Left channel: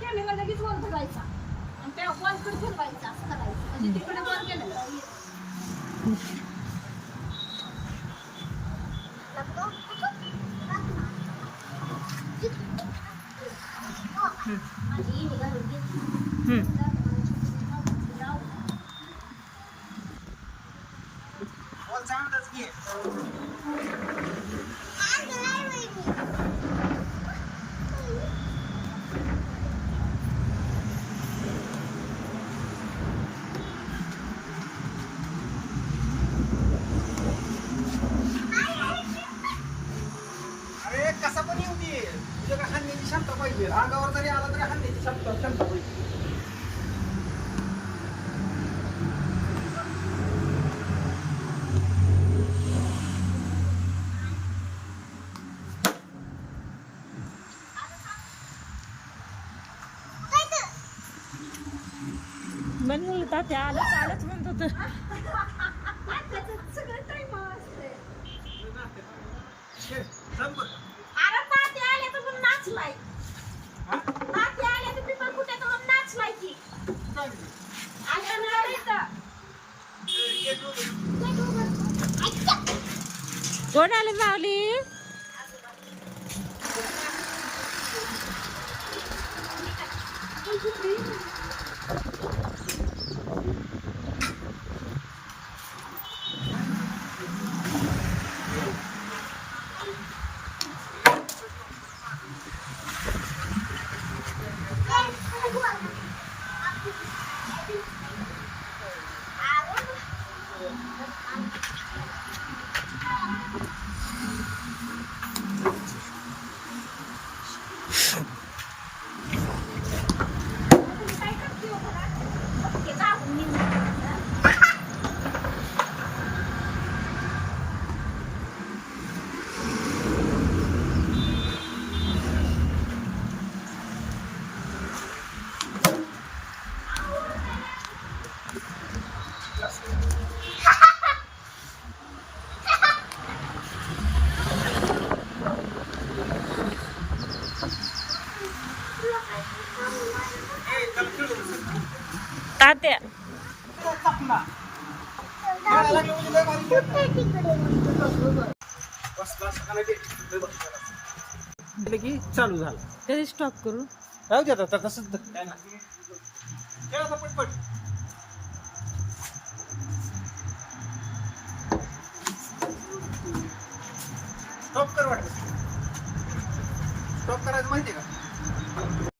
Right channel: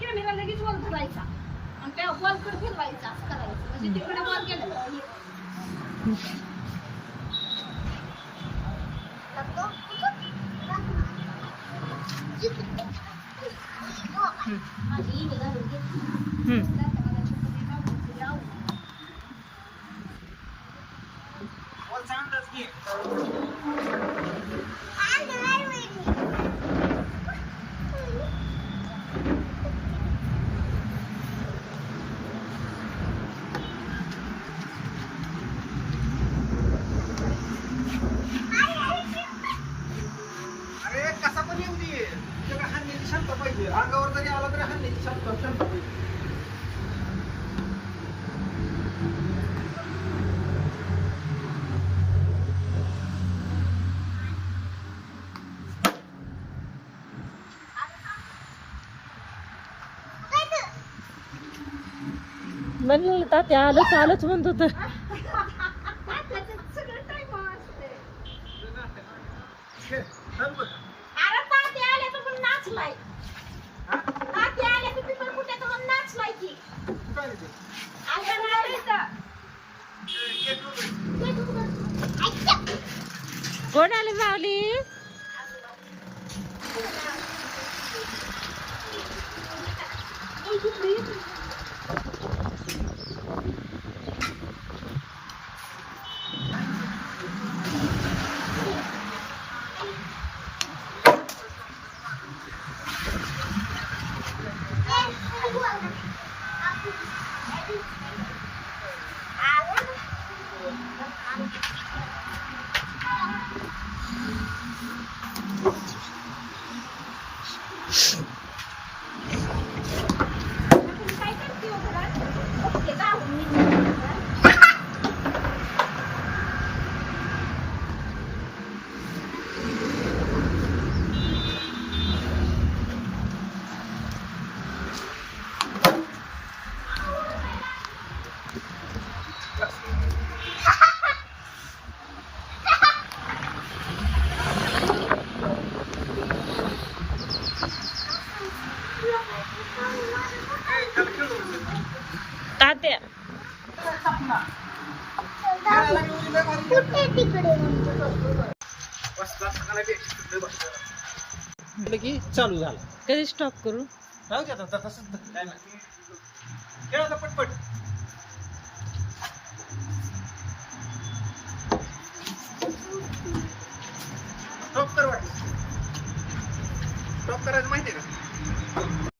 Camera लगेच वर धरायचा आणि त्या वर फिरवायचा असं करायचं म्हणजे तिकडे वर गेलं अंगावर जरी आला तरी हाणण्याची क्षमता पाहिजे. म्हणलं तात्या आलंच म्हणत होत. कोण आले माऊली? तात्या की चालू झाला. कधी स्टॉप करू? राहू दे आता तसंच काय ना खेळायला पटपट स्टॉप कर वाटत स्टॉप करायचं माहितीये का?